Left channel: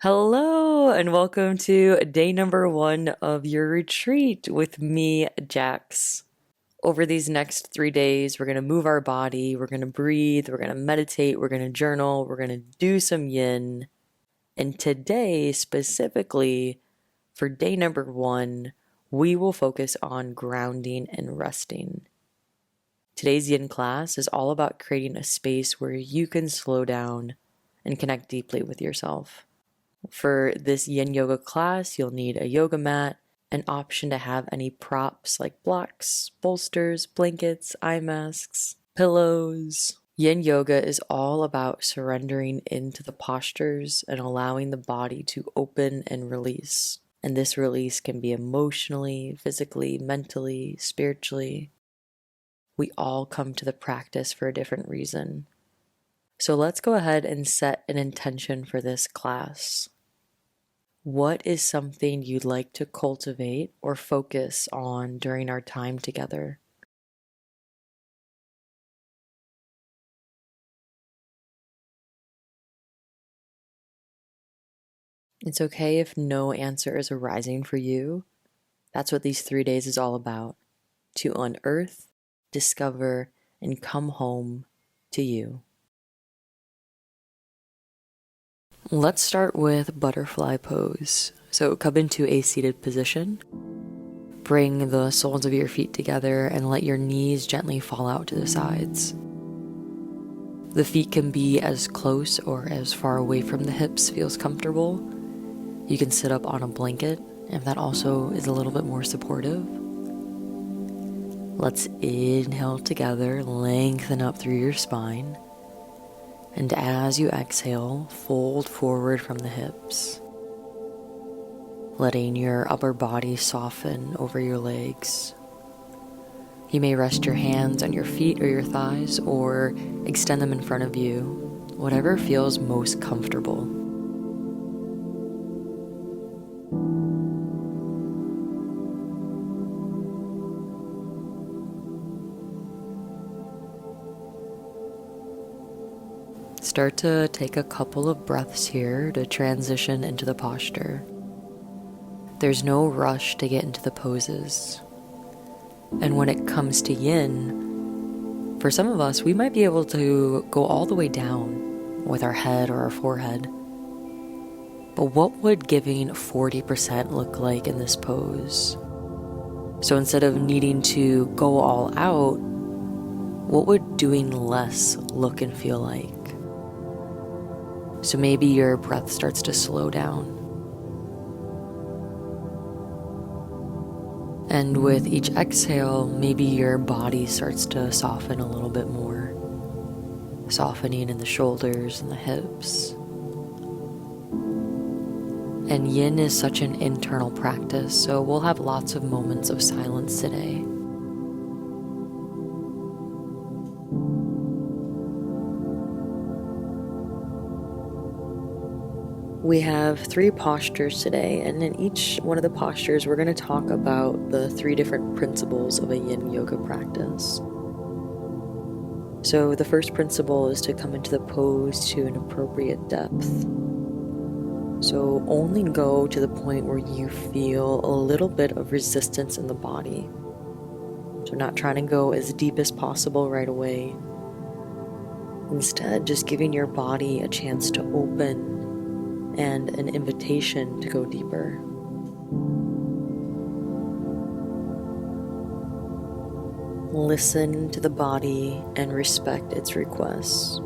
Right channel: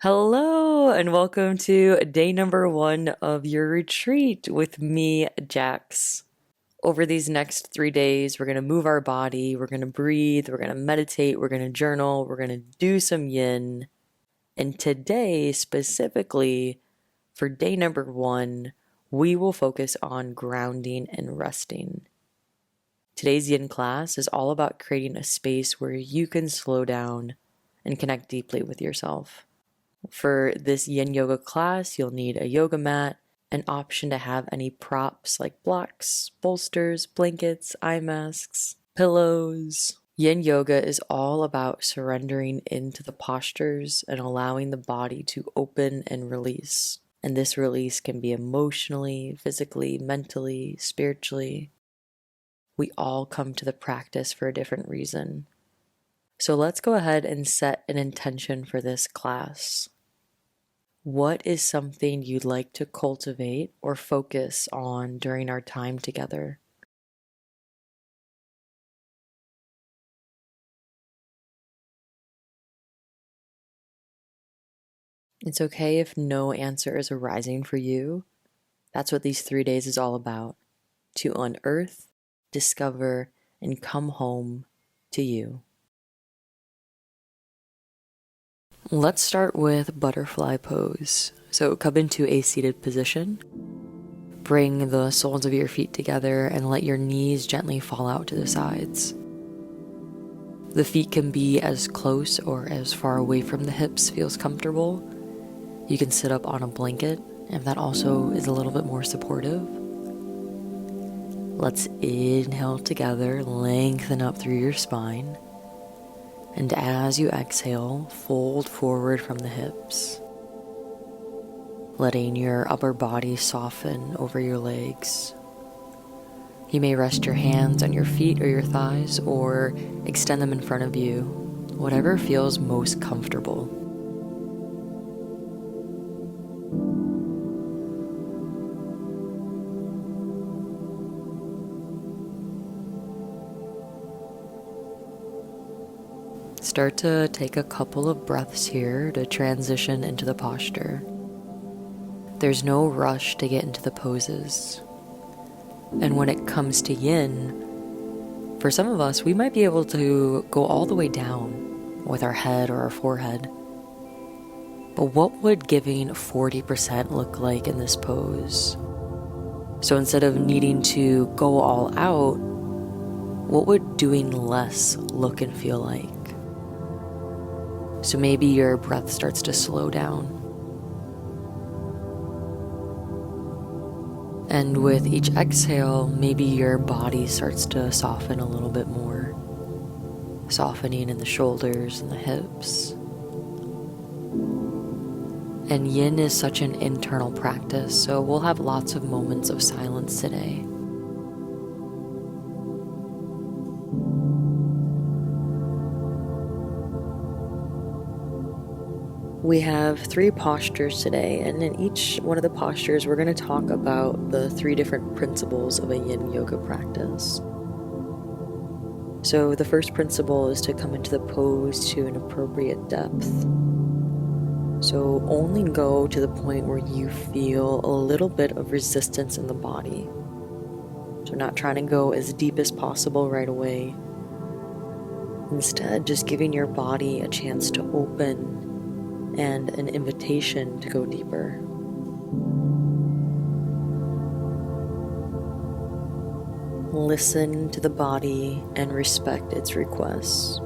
Hello, and welcome to day number 1 of your retreat with me, Jax. Over these next 3 days, we're going to move our body, we're going to breathe, we're going to meditate, we're going to journal, we're going to do some yin. And today, specifically for day number 1, we will focus on grounding and resting. Today's yin class is all about creating a space where you can slow down and connect deeply with yourself. For this yin yoga class, you'll need a yoga mat, an option to have any props like blocks, bolsters, blankets, eye masks, pillows. Yin yoga is all about surrendering into the postures and allowing the body to open and release. And this release can be emotionally, physically, mentally, spiritually. We all come to the practice for a different reason. So let's go ahead and set an intention for this class. What is something you'd like to cultivate or focus on during our time together? It's okay if no answer is arising for you. That's what these 3 days is all about, to unearth, discover, and come home to you. Let's start with butterfly pose. So come into a seated position. Bring the soles of your feet together and let your knees gently fall out to the sides. The feet can be as close or as far away from the hips feels comfortable. You can sit up on a blanket if that also is a little bit more supportive. Let's inhale together, lengthen up through your spine. And as you exhale, fold forward from the hips, letting your upper body soften over your legs. You may rest your hands on your feet or your thighs, or extend them in front of you, whatever feels most comfortable. Start to take a couple of breaths here to transition into the posture. There's no rush to get into the poses. And when it comes to yin, for some of us, we might be able to go all the way down with our head or our forehead. But what would giving 40% look like in this pose? So instead of needing to go all out, what would doing less look and feel like? So maybe your breath starts to slow down. And with each exhale, maybe your body starts to soften a little bit more. Softening in the shoulders and the hips. And yin is such an internal practice, so we'll have lots of moments of silence today. We have 3 postures today, and in each one of the postures, we're going to talk about the 3 different principles of a yin yoga practice. So the first principle is to come into the pose to an appropriate depth. So only go to the point where you feel a little bit of resistance in the body. So not trying to go as deep as possible right away. Instead, just giving your body a chance to open and an invitation to go deeper. Listen to the body and respect its requests.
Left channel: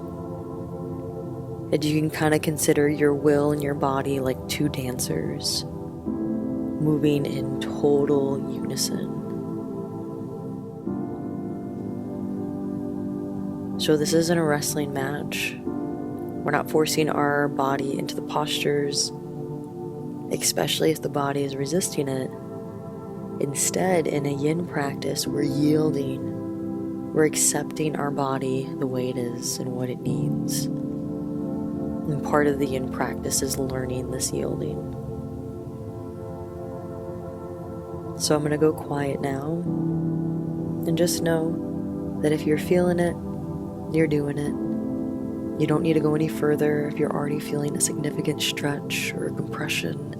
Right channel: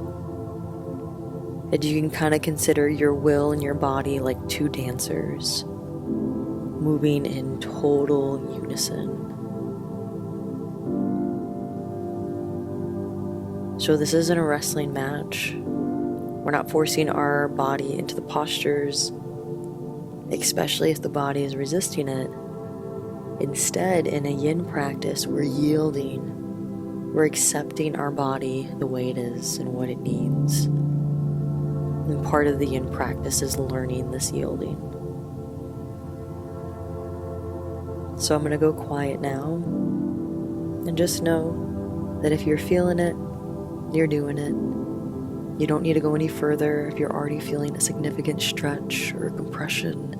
And you can kind of consider your will and your body like 2 dancers, moving in total unison. So this isn't a wrestling match. We're not forcing our body into the postures, especially if the body is resisting it. Instead, in a yin practice, we're yielding. We're accepting our body the way it is and what it needs. And part of the yin practice is learning this yielding. So I'm going to go quiet now. And just know that if you're feeling it, you're doing it. You don't need to go any further if you're already feeling a significant stretch or compression.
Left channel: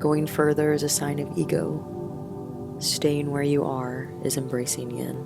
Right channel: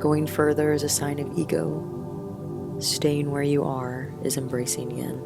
Going further is a sign of ego. Staying where you are is embracing yin.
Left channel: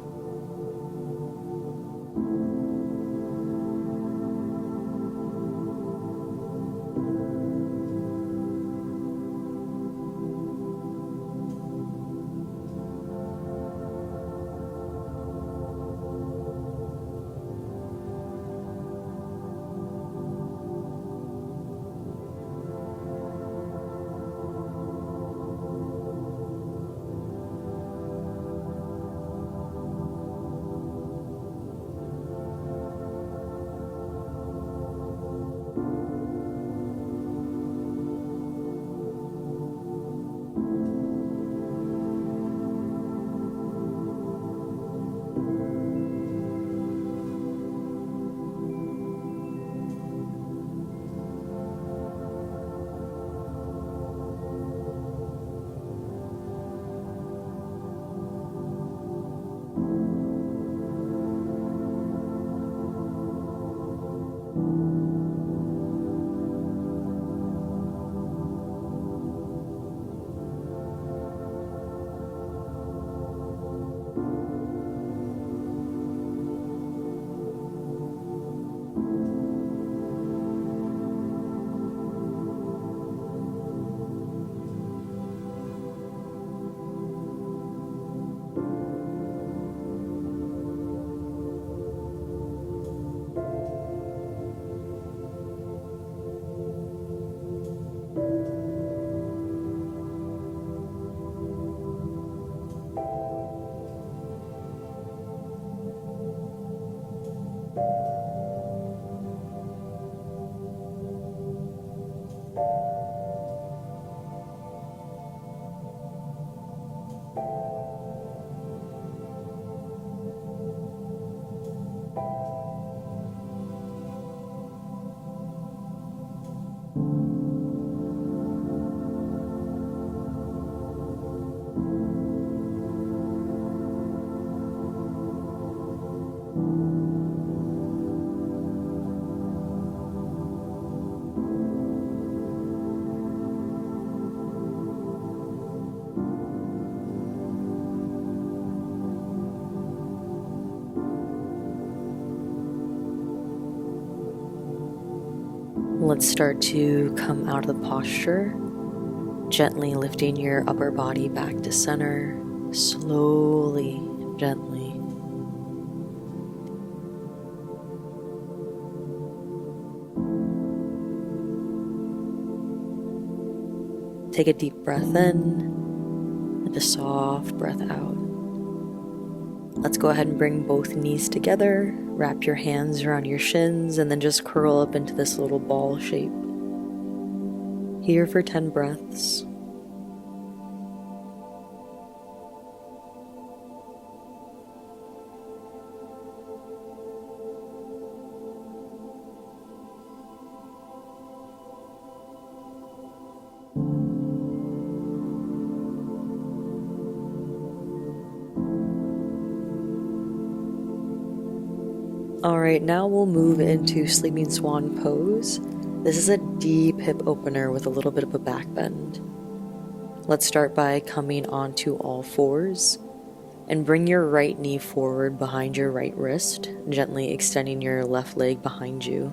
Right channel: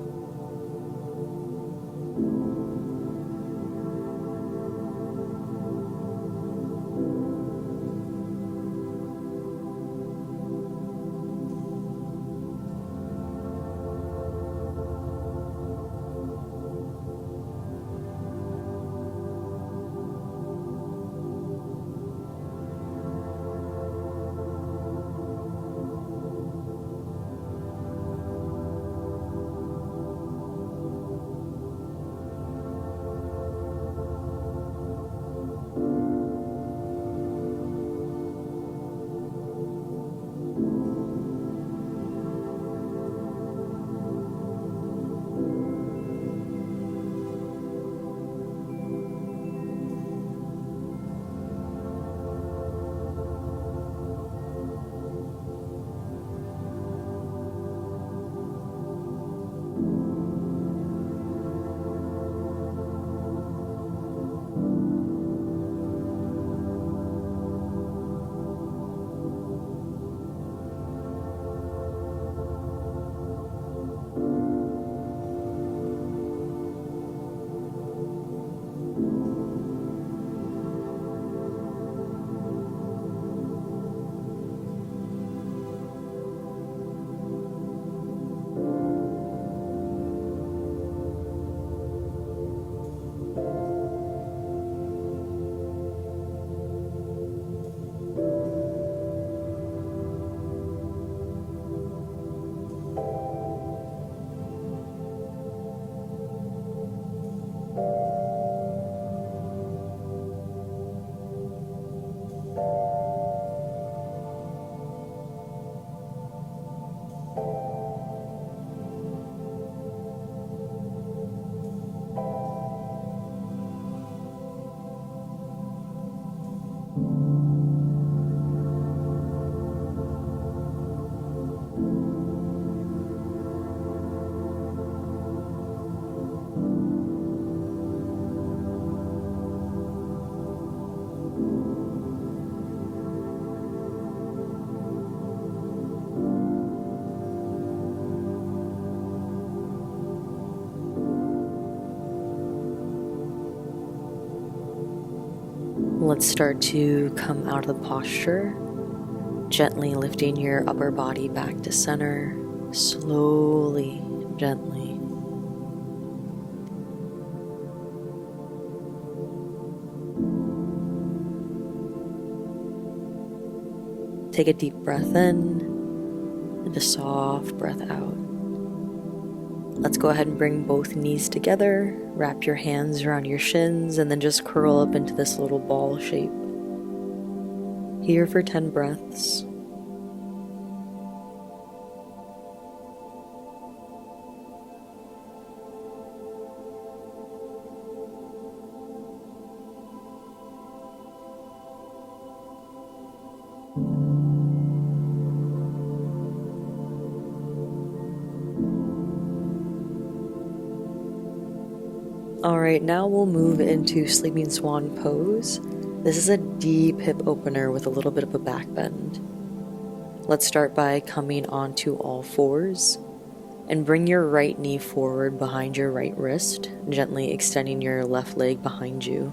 Let's start to come out of the posture, gently lifting your upper body back to center, slowly, gently. Take a deep breath in and a soft breath out. Let's go ahead and bring both knees together, wrap your hands around your shins, and then just curl up into this little ball shape. Here for 10 breaths. Alright, now we'll move into Sleeping Swan pose. This is a deep hip opener with a little bit of a back bend. Let's start by coming onto all fours and bring your right knee forward behind your right wrist, gently extending your left leg behind you.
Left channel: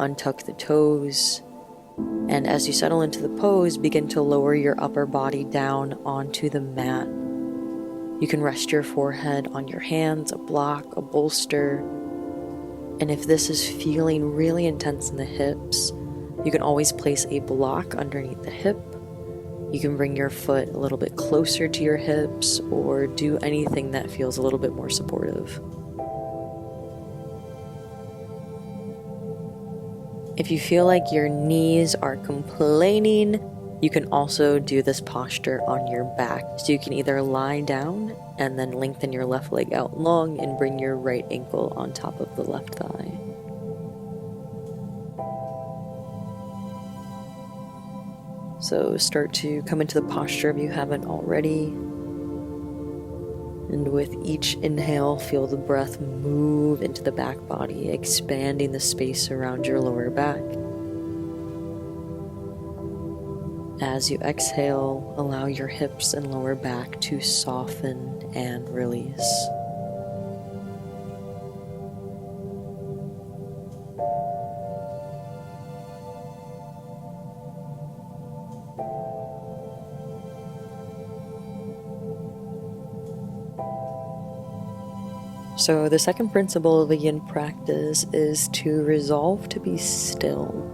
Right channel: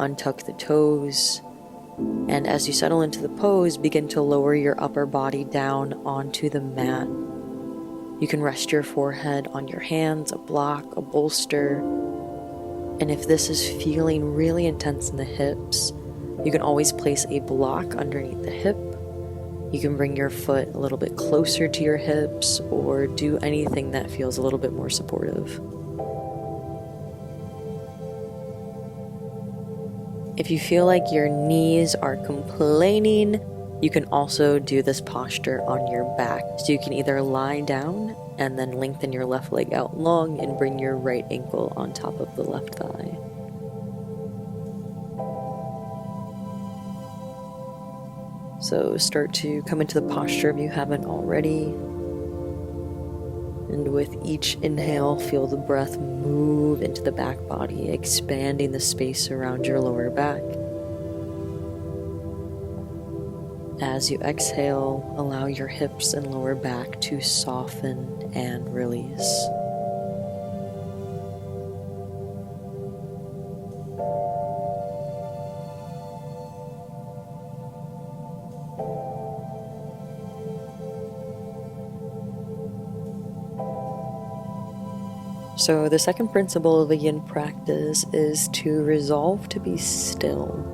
Untuck the toes, and as you settle into the pose, begin to lower your upper body down onto the mat. You can rest your forehead on your hands, a block, a bolster. And if this is feeling really intense in the hips, you can always place a block underneath the hip. You can bring your foot a little bit closer to your hips or do anything that feels a little bit more supportive. If you feel like your knees are complaining, you can also do this posture on your back. So you can either lie down and then lengthen your left leg out long and bring your right ankle on top of the left thigh. So start to come into the posture if you haven't already. And with each inhale, feel the breath move into the back body, expanding the space around your lower back. As you exhale, allow your hips and lower back to soften and release. So the second principle of a yin practice is to resolve to be still.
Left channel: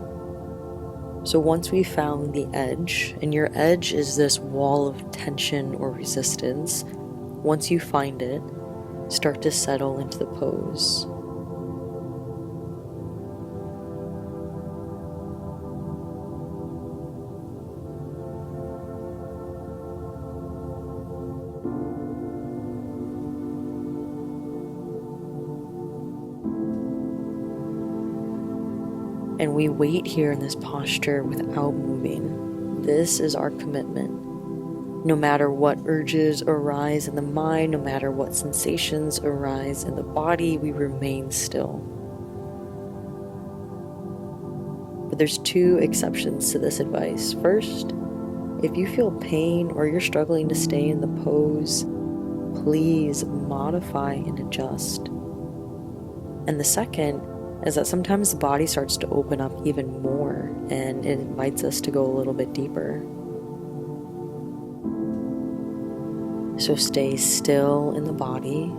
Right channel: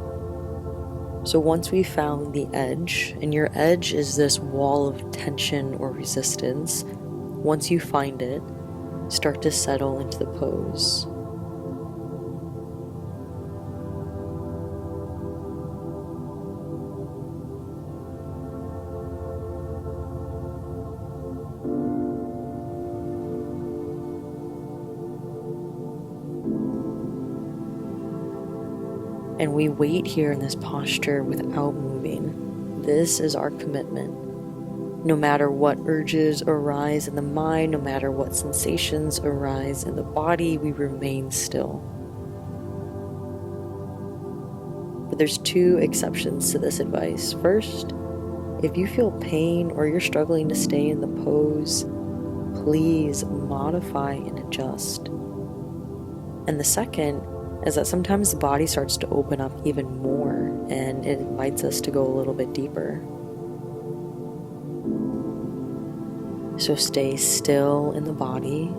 So once we've found the edge, and your edge is this wall of tension or resistance, once you find it, start to settle into the pose. And we wait here in this posture without moving. This is our commitment. No matter what urges arise in the mind, no matter what sensations arise in the body, we remain still. But there's two exceptions to this advice. First, if you feel pain or you're struggling to stay in the pose, please modify and adjust. And the second is that sometimes the body starts to open up even more and it invites us to go a little bit deeper. So stay still in the body.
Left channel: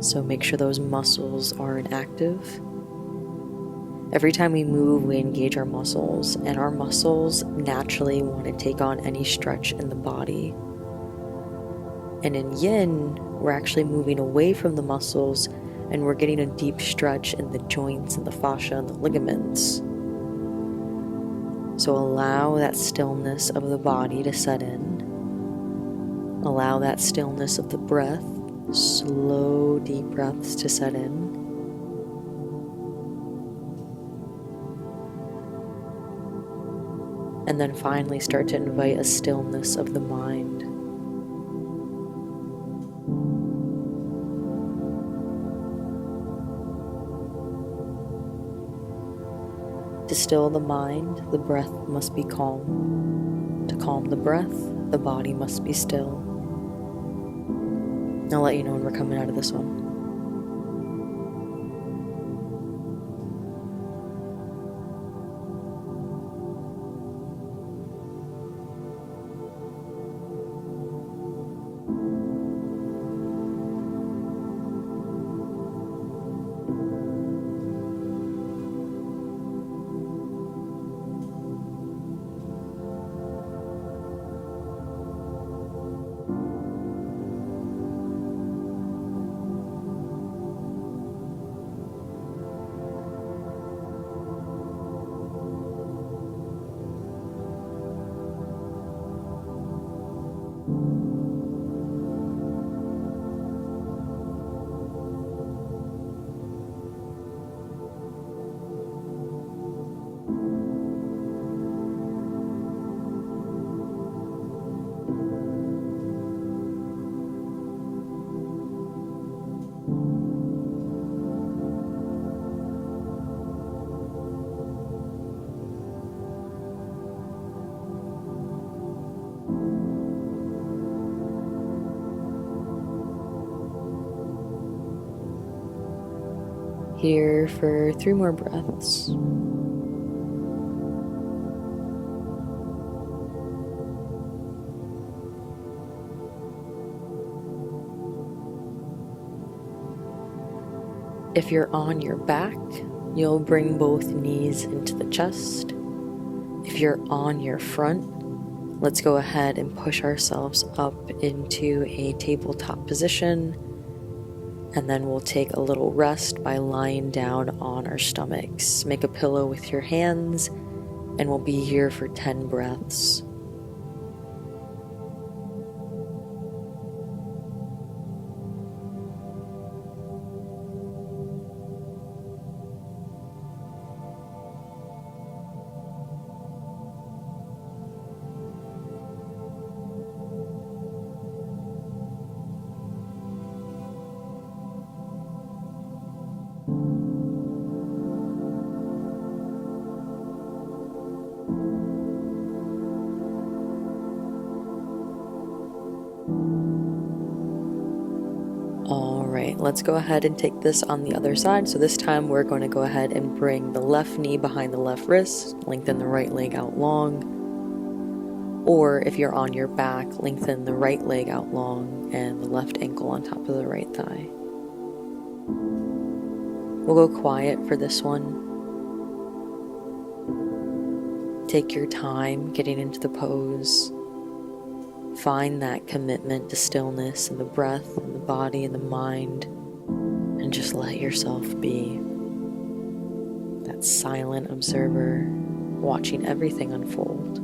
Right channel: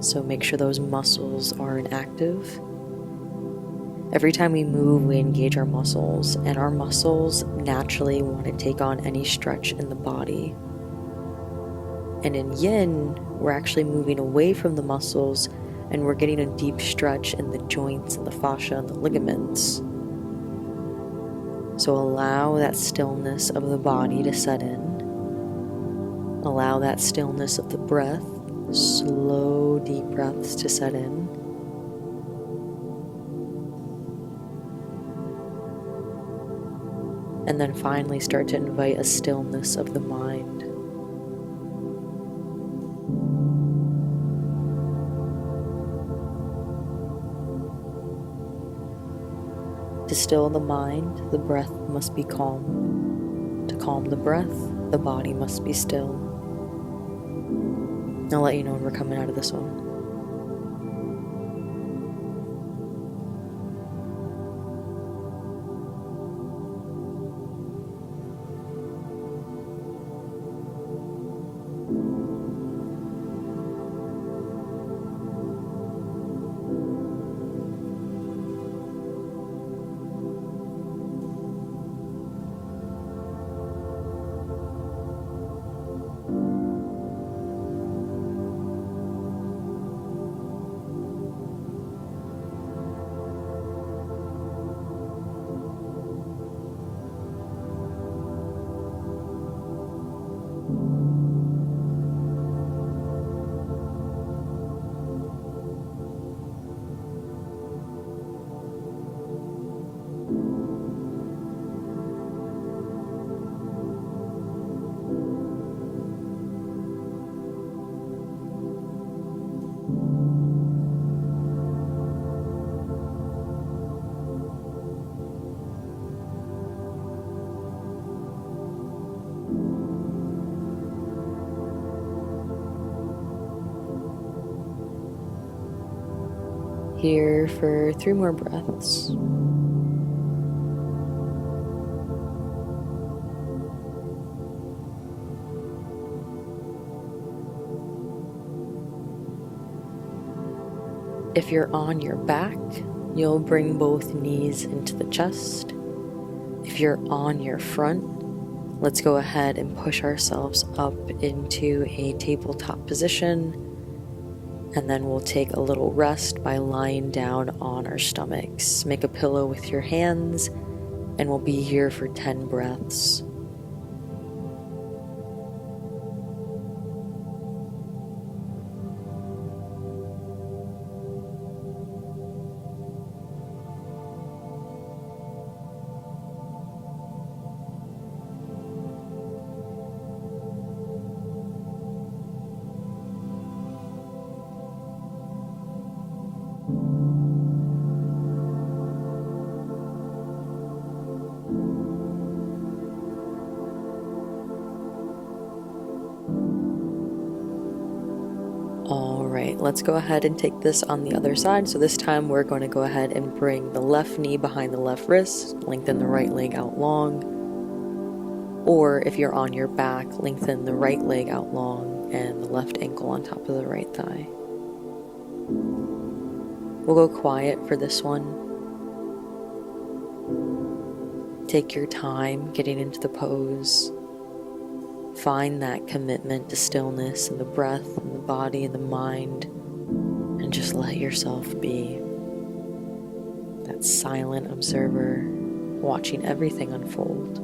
So make sure those muscles are inactive. Every time we move, we engage our muscles, and our muscles naturally want to take on any stretch in the body. And in yin, we're actually moving away from the muscles and we're getting a deep stretch in the joints and the fascia and the ligaments. So allow that stillness of the body to set in. Allow that stillness of the breath, slow, deep breaths to set in. And then finally start to invite a stillness of the mind. To still the mind, the breath must be calm. To calm the breath, the body must be still. I'll let you know when we're coming out of this one. Here for 3 more breaths. If you're on your back, you'll bring both knees into the chest. If you're on your front, let's go ahead and push ourselves up into a tabletop position. And then we'll take a little rest by lying down on our stomachs. Make a pillow with your hands, and we'll be here for 10 breaths. All right, let's go ahead and take this on the other side. So this time we're going to go ahead and bring the left knee behind the left wrist, lengthen the right leg out long. Or if you're on your back, lengthen the right leg out long and the left ankle on top of the right thigh. We'll go quiet for this one. Take your time getting into the pose. Find that commitment to stillness and the breath and the body and the mind, and just let yourself be that silent observer watching everything unfold.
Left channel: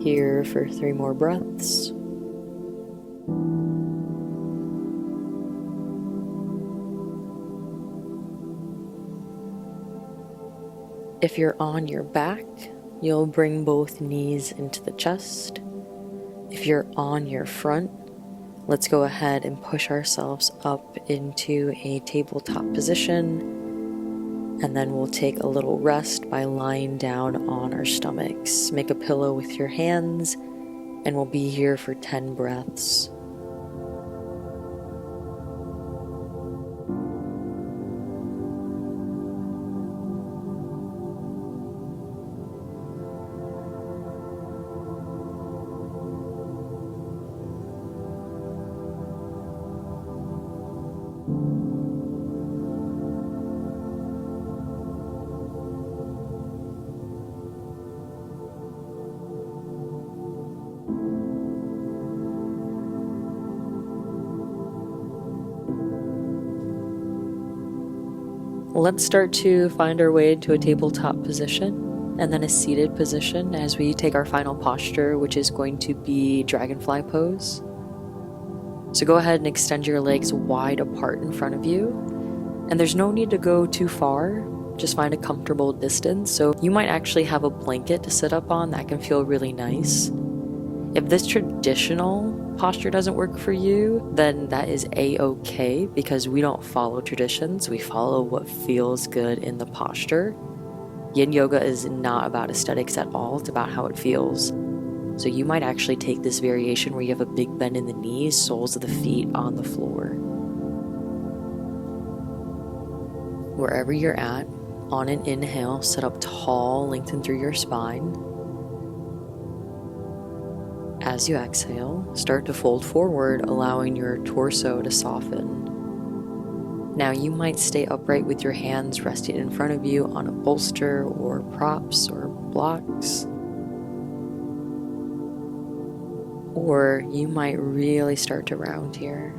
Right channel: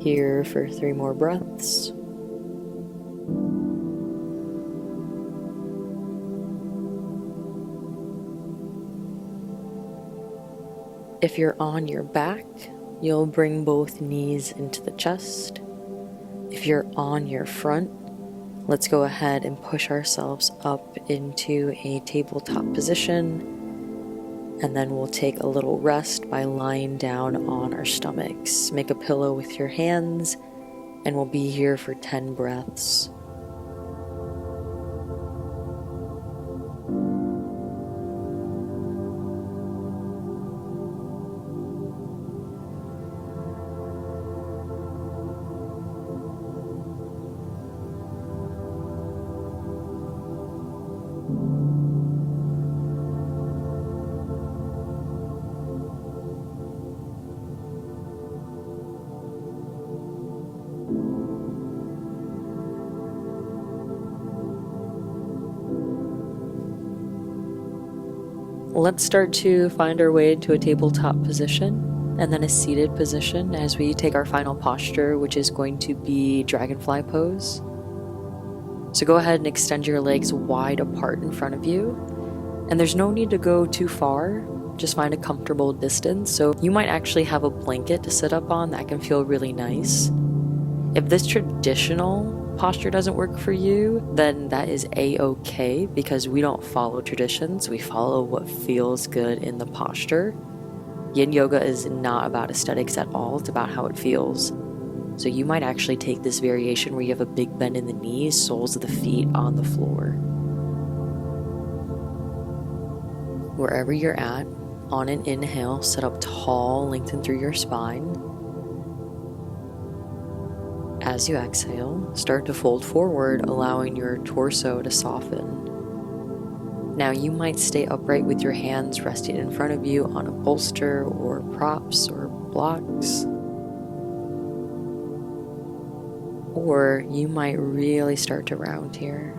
Here for 3 more breaths. If you're on your back, you'll bring both knees into the chest. If you're on your front, let's go ahead and push ourselves up into a tabletop position, and then we'll take a little rest by lying down on our stomachs. Make a pillow with your hands, and we'll be here for 10 breaths. Let's start to find our way into a tabletop position and then a seated position as we take our final posture, which is going to be dragonfly pose. So go ahead and extend your legs wide apart in front of you. And there's no need to go too far, just find a comfortable distance. So you might actually have a blanket to sit up on that can feel really nice. If this traditional posture doesn't work for you, then that is a-okay, because we don't follow traditions, we follow what feels good in the posture. Yin yoga is not about aesthetics at all, it's about how it feels. So you might actually take this variation where you have a big bend in the knees, soles of the feet on the floor. Wherever you're at, on an inhale, sit up tall, lengthen through your spine. As you exhale, start to fold forward, allowing your torso to soften. Now you might stay upright with your hands resting in front of you on a bolster or props or blocks. Or you might really start to round here.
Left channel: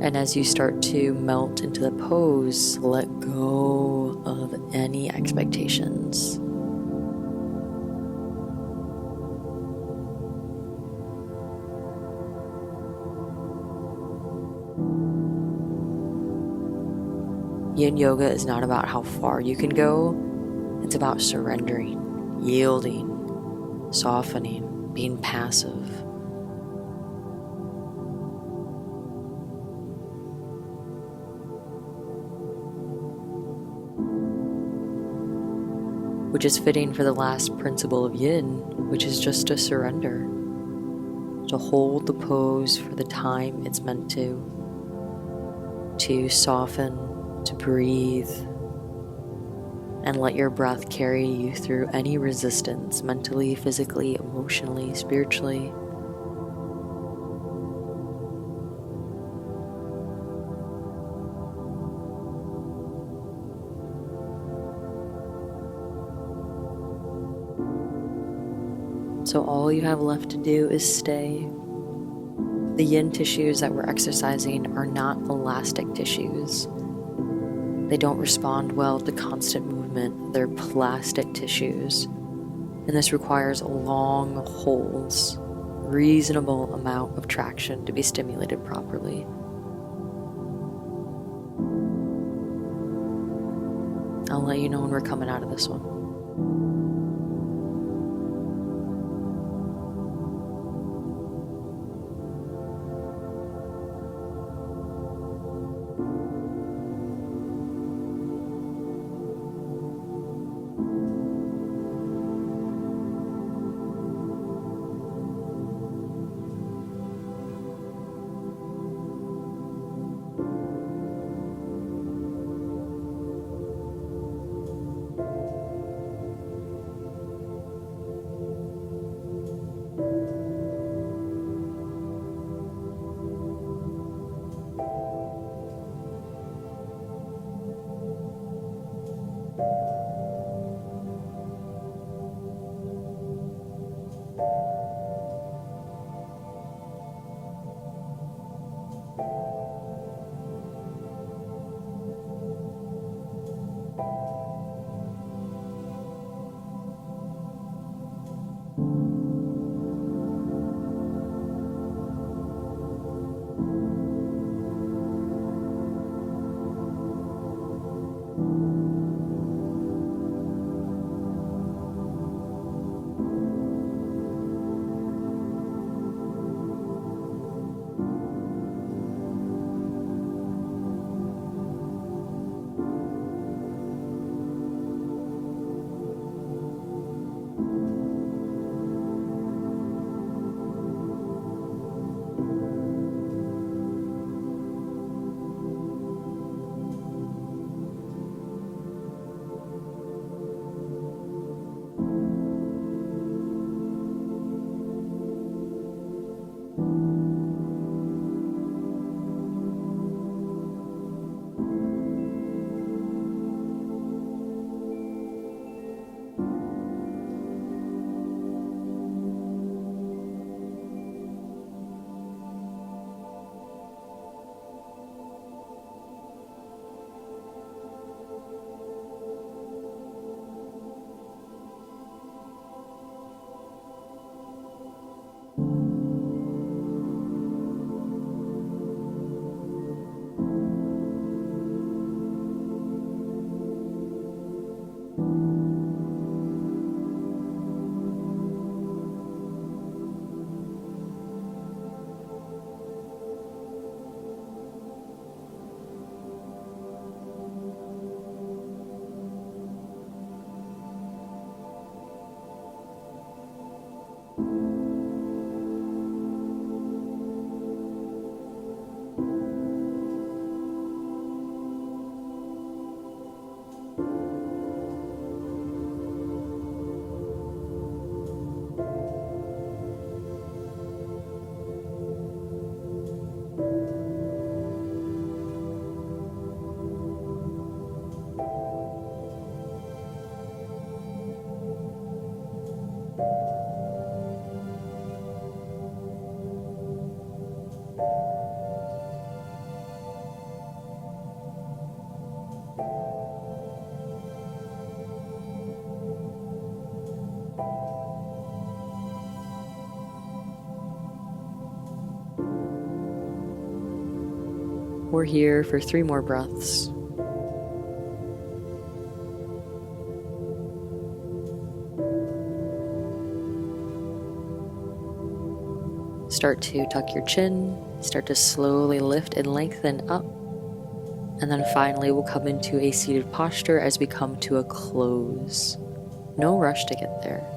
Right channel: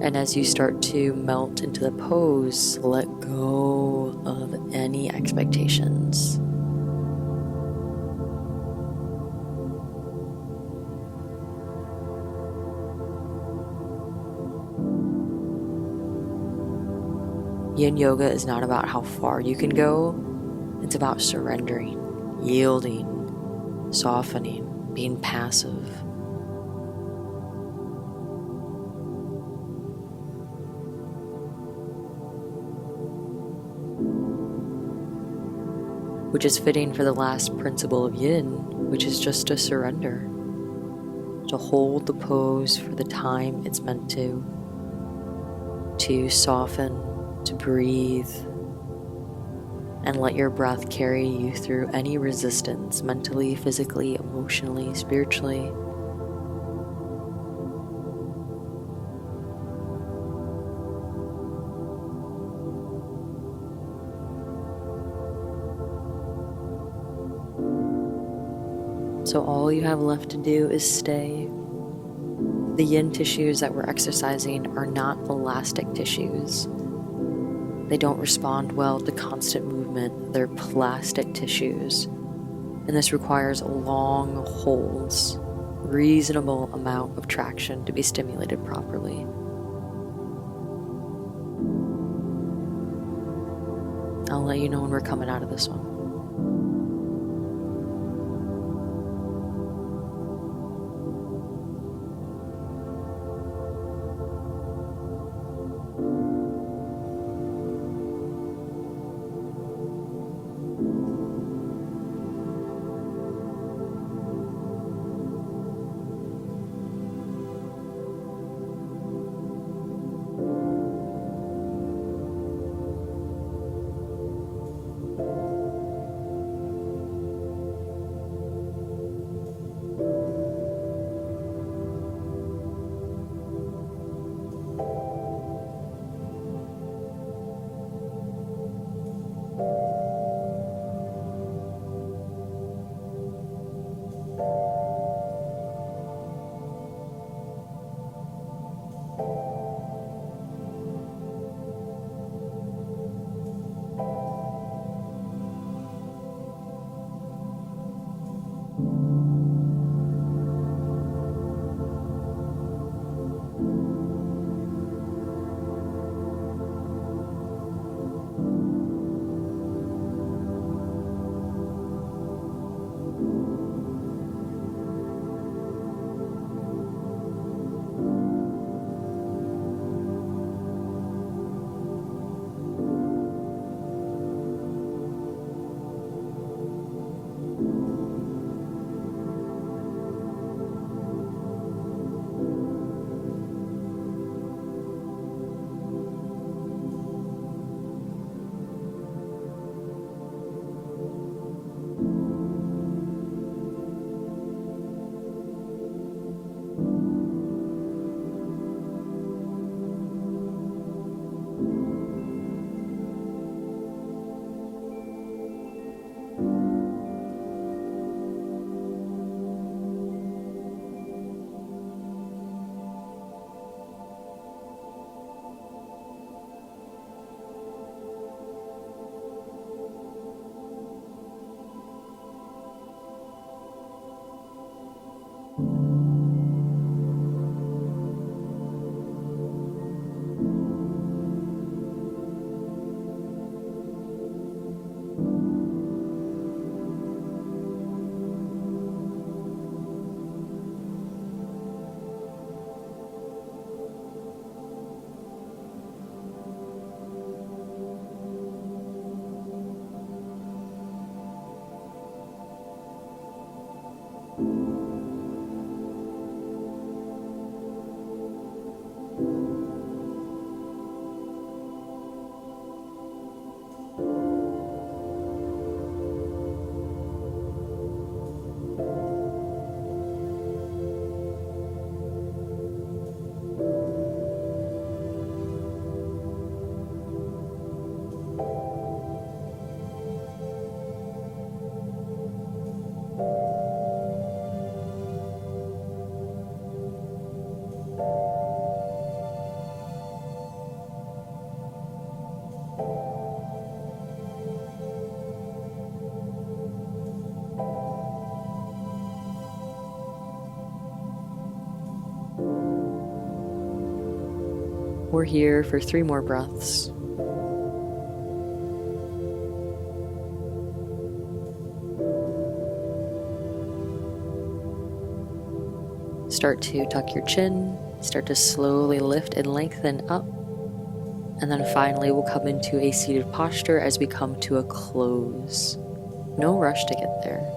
And as you start to melt into the pose, let go of any expectations. Yin yoga is not about how far you can go, it's about surrendering, yielding, softening, being passive. Which is fitting for the last principle of yin, which is just to surrender, to hold the pose for the time it's meant to soften, to breathe, and let your breath carry you through any resistance, mentally, physically, emotionally, spiritually. So all you have left to do is stay. The yin tissues that we're exercising are not elastic tissues. They don't respond well to constant movement. They're plastic tissues. And this requires long holds, reasonable amount of traction to be stimulated properly. I'll let you know when we're coming out of this one. We're here for 3 more breaths. Start to tuck your chin, start to slowly lift and lengthen up, and then finally we'll come into a seated posture as we come to a close. No rush to get there.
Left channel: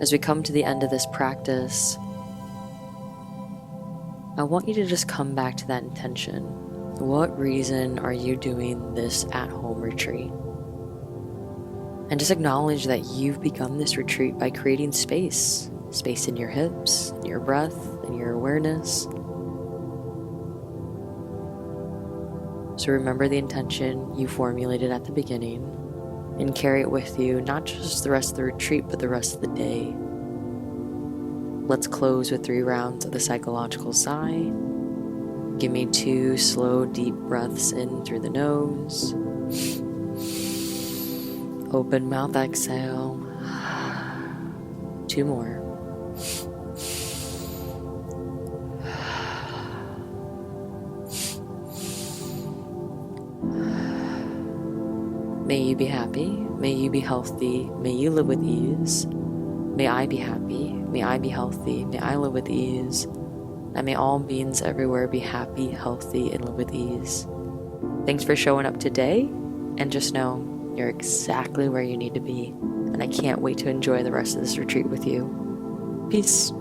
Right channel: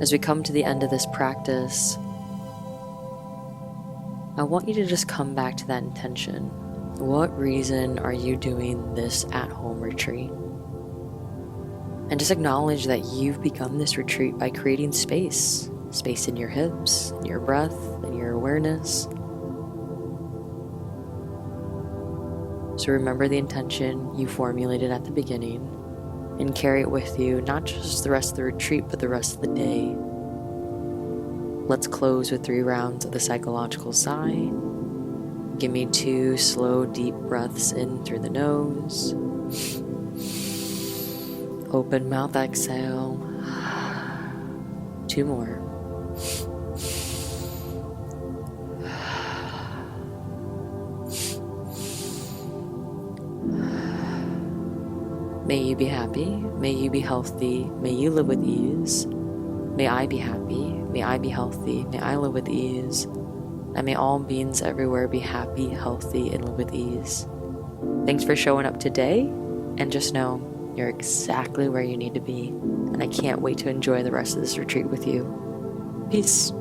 As we come to the end of this practice, I want you to just come back to that intention. What reason are you doing this at-home retreat? And just acknowledge that you've begun this retreat by creating space. Space in your hips, in your breath, in your awareness. So remember the intention you formulated at the beginning and carry it with you, not just the rest of the retreat, but the rest of the day. Let's close with 3 rounds of the psychological sigh. Give me 2 slow, deep breaths in through the nose. Open mouth exhale. 2 more. May you be happy. May you be healthy. May you live with ease. May I be happy. May I be healthy. May I live with ease. And may all beings everywhere be happy, healthy, and live with ease. Thanks for showing up today. And just know you're exactly where you need to be. And I can't wait to enjoy the rest of this retreat with you. Peace.